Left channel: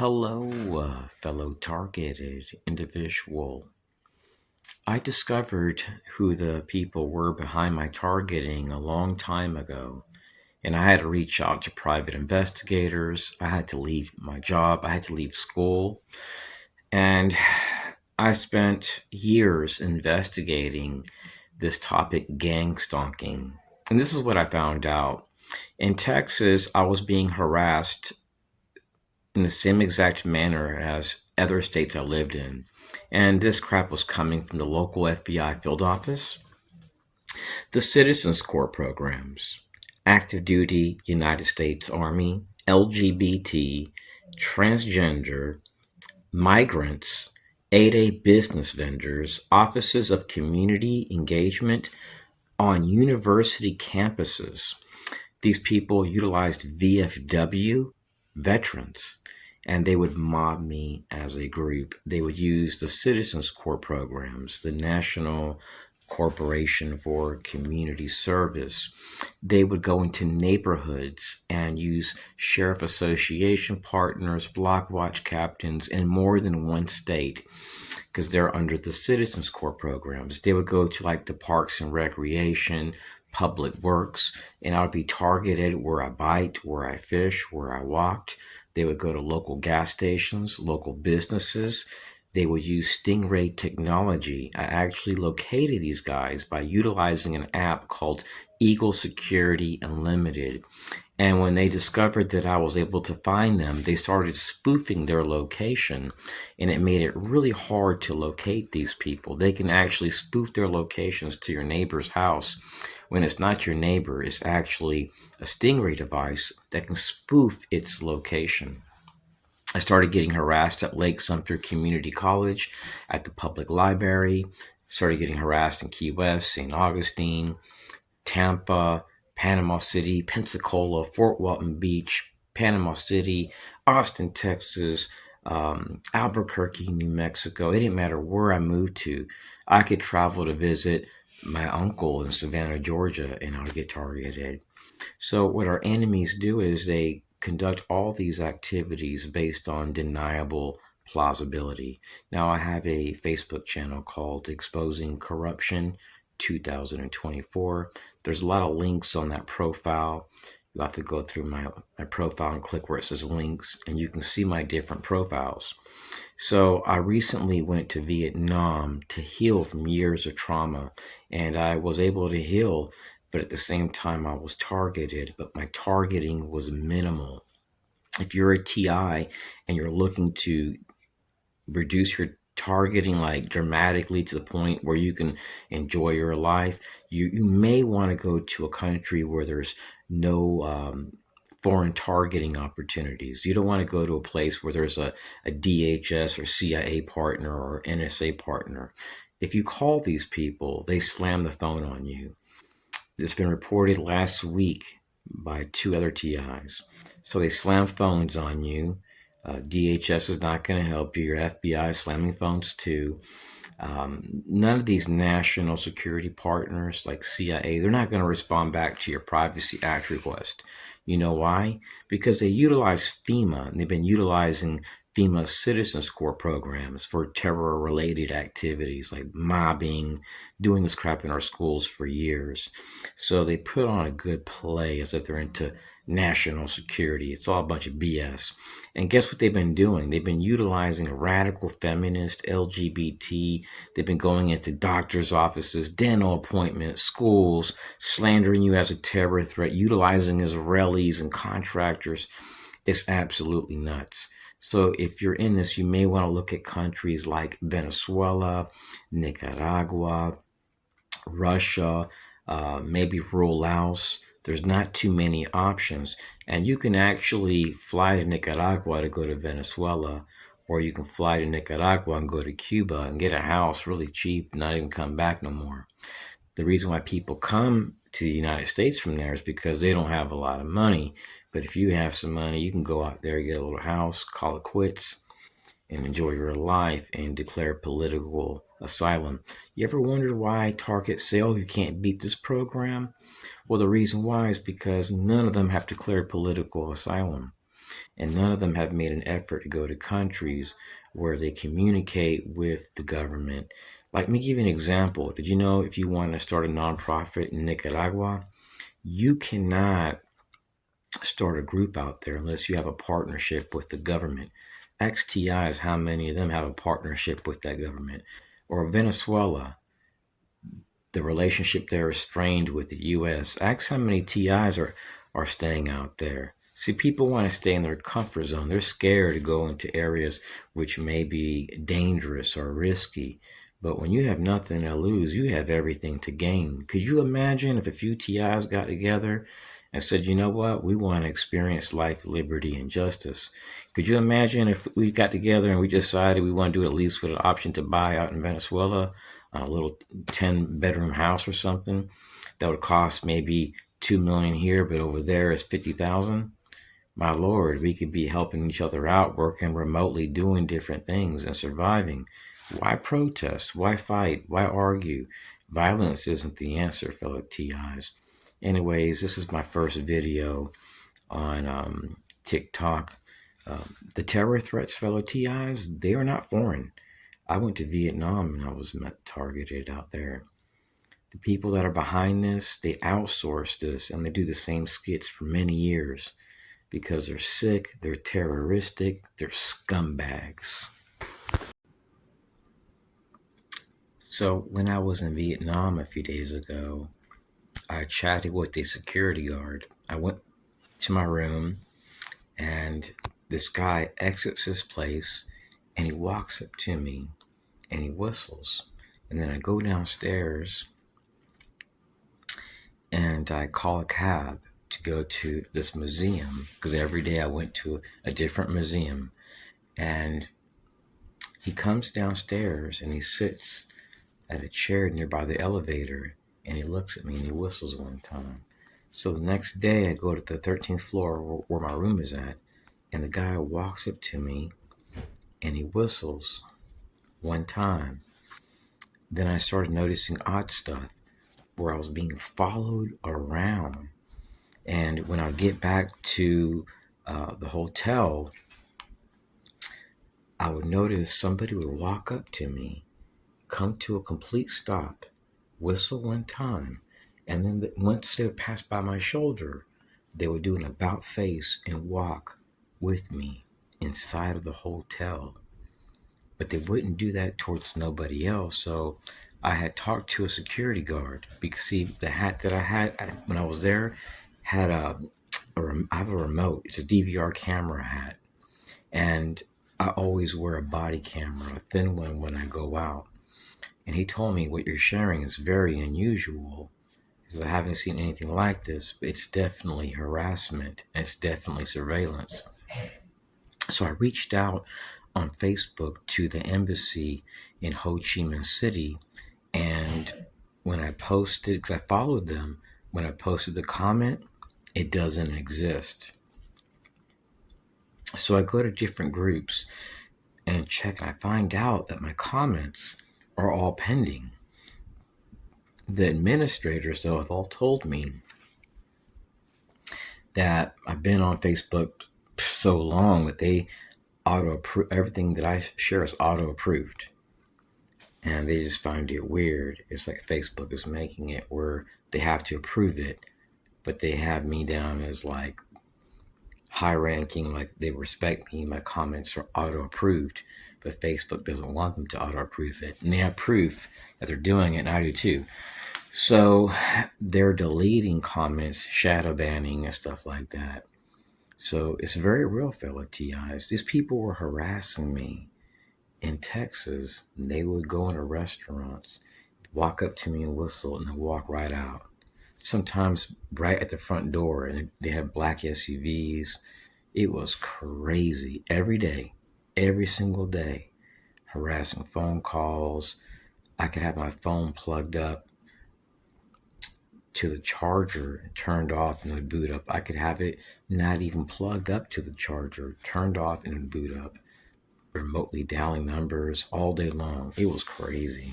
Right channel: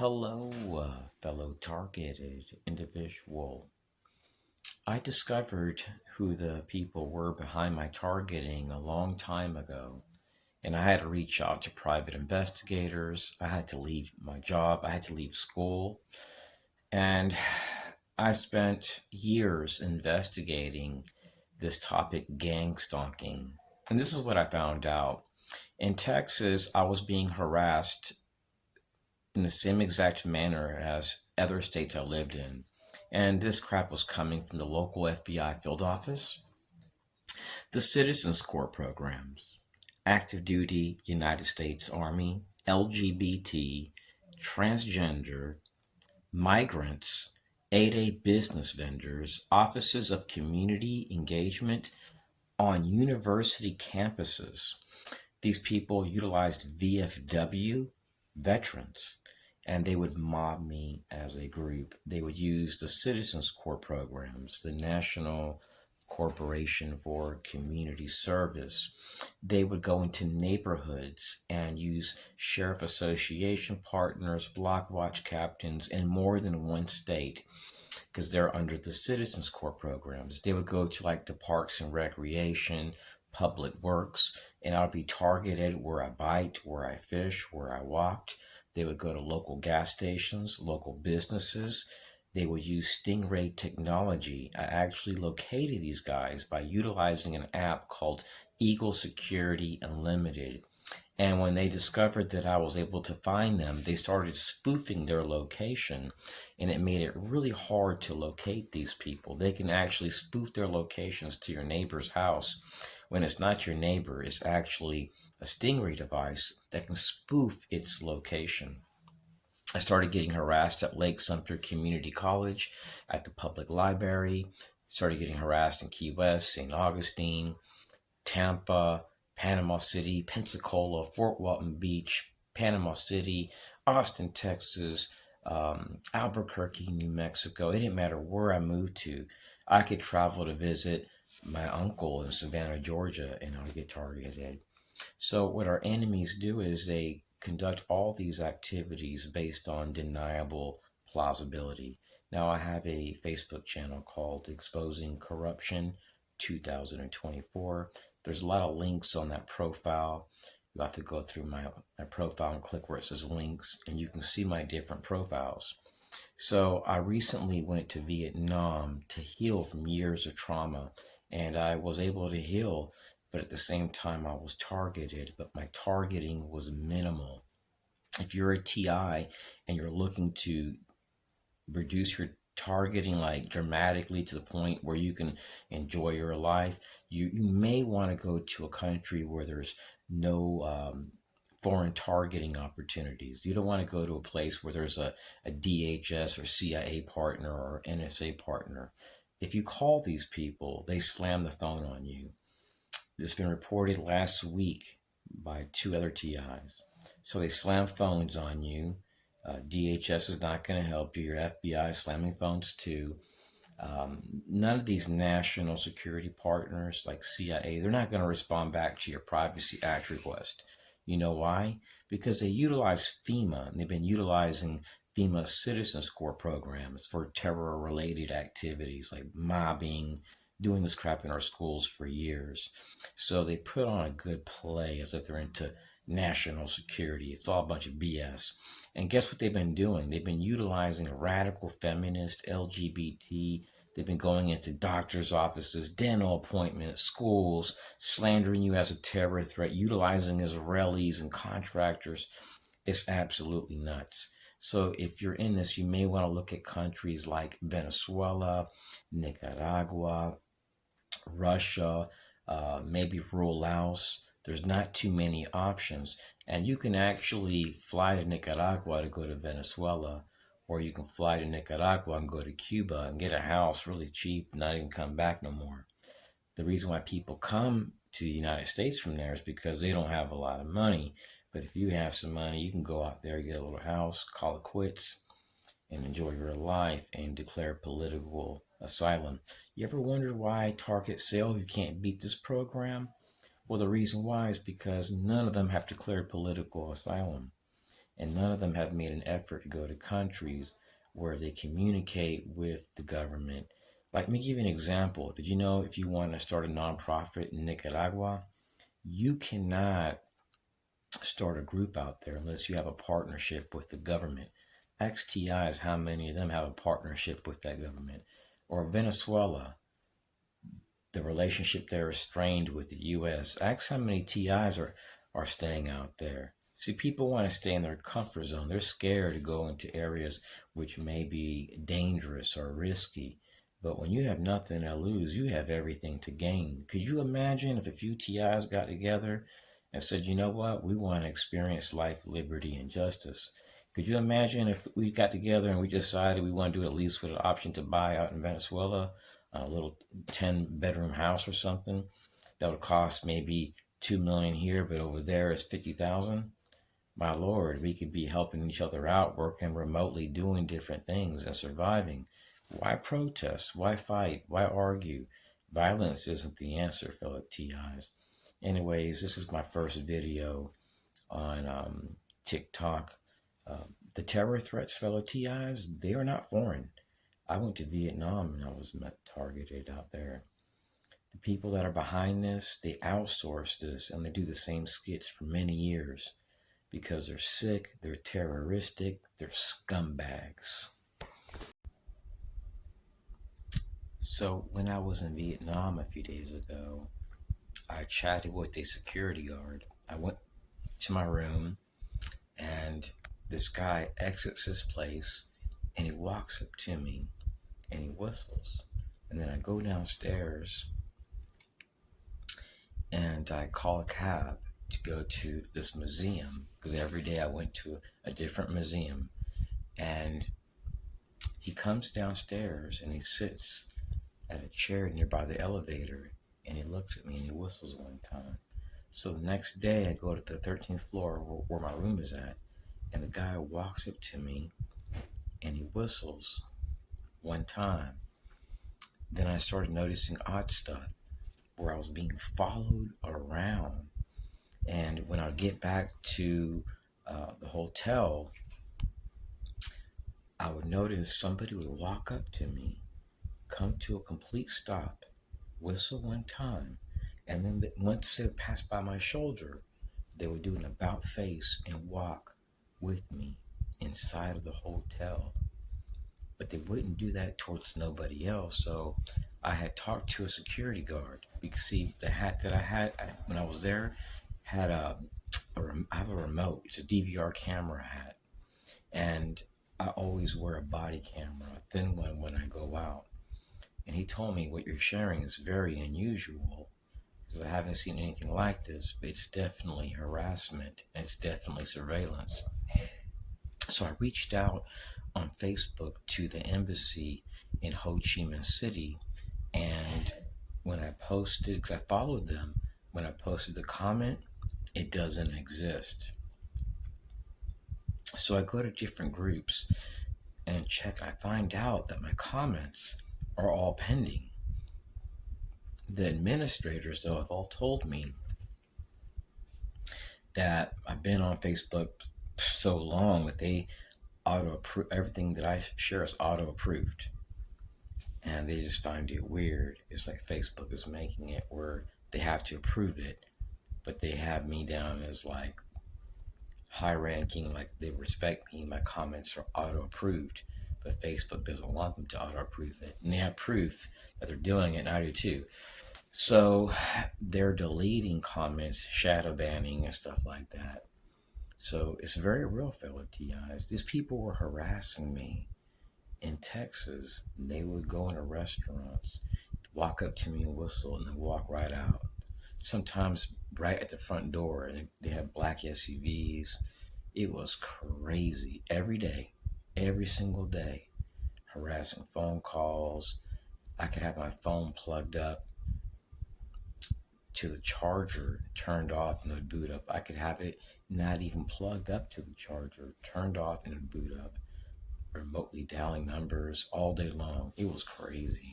Hello, fellow targeted individual. I discovered who the people were behind my targeting a long time ago, and I had to reach out to private investigators. I had to leave my job, I had to leave school, and I spent years investigating this topic, gang stalking. And this is what I found out. In Texas, I was being harassed in the same exact manner as other states I lived in. And this crap was coming from the local FBI field office, the Citizens Corps programs, active duty United States Army, LGBT, transgender, migrants, 8A business vendors, offices of community engagement on university campuses. These people utilized VFW veterans, and they would mob me as a group. They would use the Citizens Corps programs, the National Corporation for Community Service. They would go into neighborhoods and use sheriff association partners, block watch captains in more than one state because they're under the Citizens Corps programs. They would go to like the Parks and Recreation, Public Works, and I would be targeted where I biked, where I fish, where I walked. They would go to local gas stations, local businesses. They would use Stingray technology. I actually located these guys by utilizing an app called Eagle Security Unlimited. And when they discovered that I was able to find them, they started spoofing their location, and it made it really hard to locate these people. They can actually spoof their locations to your neighbor's house. When it's not your neighbor, it's actually a Stingray device that can spoof its location. I started getting harassed at Lake Sumter Community College, at the public library, started getting harassed in Key West, St. Augustine, Tampa, Panama City, Pensacola, Fort Walton Beach, Panama City, Austin, Texas, Albuquerque, New Mexico. It didn't matter where I moved to. I could travel to visit my uncle in Savannah, Georgia, and I would get targeted. So, what our enemies do is they conduct all these activities based on deniable plausibility. Now, I have a Facebook channel called Exposing Corruption 2024. There's a lot of links on that profile. You have to go through my profile and click where it says links, and you can see my different profiles. So I recently went to Vietnam to heal from years of trauma, and I was able to heal, but at the same time I was targeted, but my targeting was minimal. If you're a TI and you're looking to reduce your targeting like dramatically to the point where you can enjoy your life, you may want to go to a country where there's no foreign targeting opportunities. You don't want to go to a place where there's a DHS or CIA partner or NSA partner. If you call these people, they slam the phone on you. It's been reported last week by two other TIs. So they slam phones on you. DHS is not going to help you. Your FBI is slamming phones too. None of these national security partners like CIA, they're not going to respond back to your Privacy Act request. You know why? Because they utilize FEMA, and they've been utilizing FEMA Citizens Corps programs for terror-related activities like mobbing, doing this crap in our schools for years. So they put on a good play as if they're into national security. It's all a bunch of BS. And guess what they've been doing? They've been utilizing a radical feminist, LGBT. They've been going into doctors' offices, dental appointments, schools, slandering you as a terror threat, utilizing Israelis and contractors. It's absolutely nuts. So if you're in this, you may want to look at countries like Venezuela, Nicaragua, Russia, maybe rural Laos. There's not too many options, and you can actually fly to Nicaragua to go to Venezuela, or you can fly to Nicaragua and go to Cuba and get a house really cheap, not even come back no more. The reason why people come to the United States from there is because they don't have a lot of money. But if you have some money, you can go out there, get a little house, call it quits, and enjoy your life and declare political asylum. You ever wondered why Target say, oh, you can't beat this program? Well, the reason why is because none of them have declared political asylum. And none of them have made an effort to go to countries where they communicate with the government. Like, let me give you an example. Did you know if you want to start a nonprofit in Nicaragua, you cannot start a group out there unless you have a partnership with the government. XTI is how many of them have a partnership with that government. Or Venezuela, the relationship there is strained with the U.S. Ask how many TIs are staying out there. See, people want to stay in their comfort zone. They're scared to go into areas which may be dangerous or risky. But when you have nothing to lose, you have everything to gain. Could you imagine if a few TIs got together and said, you know what, we want to experience life, liberty, and justice? Could you imagine if we got together and we decided we want to do it at least with an option to buy out in Venezuela a little 10-bedroom house or something that would cost maybe 2 million here, but over there it's 50,000? My lord, we could be helping each other out, working remotely, doing different things and surviving. Why protest? Why fight? Why argue? Violence isn't the answer, fellow TIs. Anyways, this is my first video on TikTok. The terror threats, fellow TIs, they are not foreign. I went to Vietnam and I was targeted out there. The people that are behind this, they outsource this and they do the same skits for many years because they're sick, they're terroristic, they're scumbags. So when I was in Vietnam a few days ago, I chatted with a security guard. I went to my room and this guy exits his place and he walks up to me and he whistles. And then I go downstairs and I call a cab to go to this museum because every day I went to a different museum. And he comes downstairs and he sits at a chair nearby the elevator and he looks at me and he whistles one time. So the next day I go to the 13th floor where my room is at, and the guy walks up to me and he whistles one time. Then I started noticing odd stuff where I was being followed around. And when I get back to the hotel, I would notice somebody would walk up to me, come to a complete stop, whistle one time, and then once they would pass by my shoulder, they would do an about face and walk with me inside of the hotel. But they wouldn't do that towards nobody else. So I had talked to a security guard because, see, the hat that I had when I was there had I have a remote. It's a DVR camera hat, and I always wear a body camera, a thin one, when I go out. And he told me, what you're sharing is very unusual because I haven't seen anything like this. But it's definitely harassment. And it's definitely surveillance. So I reached out on Facebook to the embassy in Ho Chi Minh City, and when I posted, because I followed them, when I posted the comment, it doesn't exist. So I go to different groups and check, and I find out that my comments are all pending. The administrators, though, have all told me that I've been on Facebook so long that they auto-approve everything that I share is auto-approved. And they just find it weird. It's like Facebook is making it where they have to approve it, but they have me down as like high ranking, like they respect me, my comments are auto approved, but Facebook doesn't want them to auto approve it. And they have proof that they're doing it, and I do too. So they're deleting comments, shadow banning, and stuff like that. So it's very real, fellow TIs. These people were harassing me in Texas. They would go into restaurants, walk up to me and whistle, and then walk right out. Sometimes right at the front door, and they had black SUVs. It was crazy. Every day, every single day, harassing phone calls. I could have my phone plugged up to the charger, turned off, and it would boot up. I could have it not even plugged up to the charger, turned off, and it would boot up. Remotely dialing numbers all day long. It was crazy.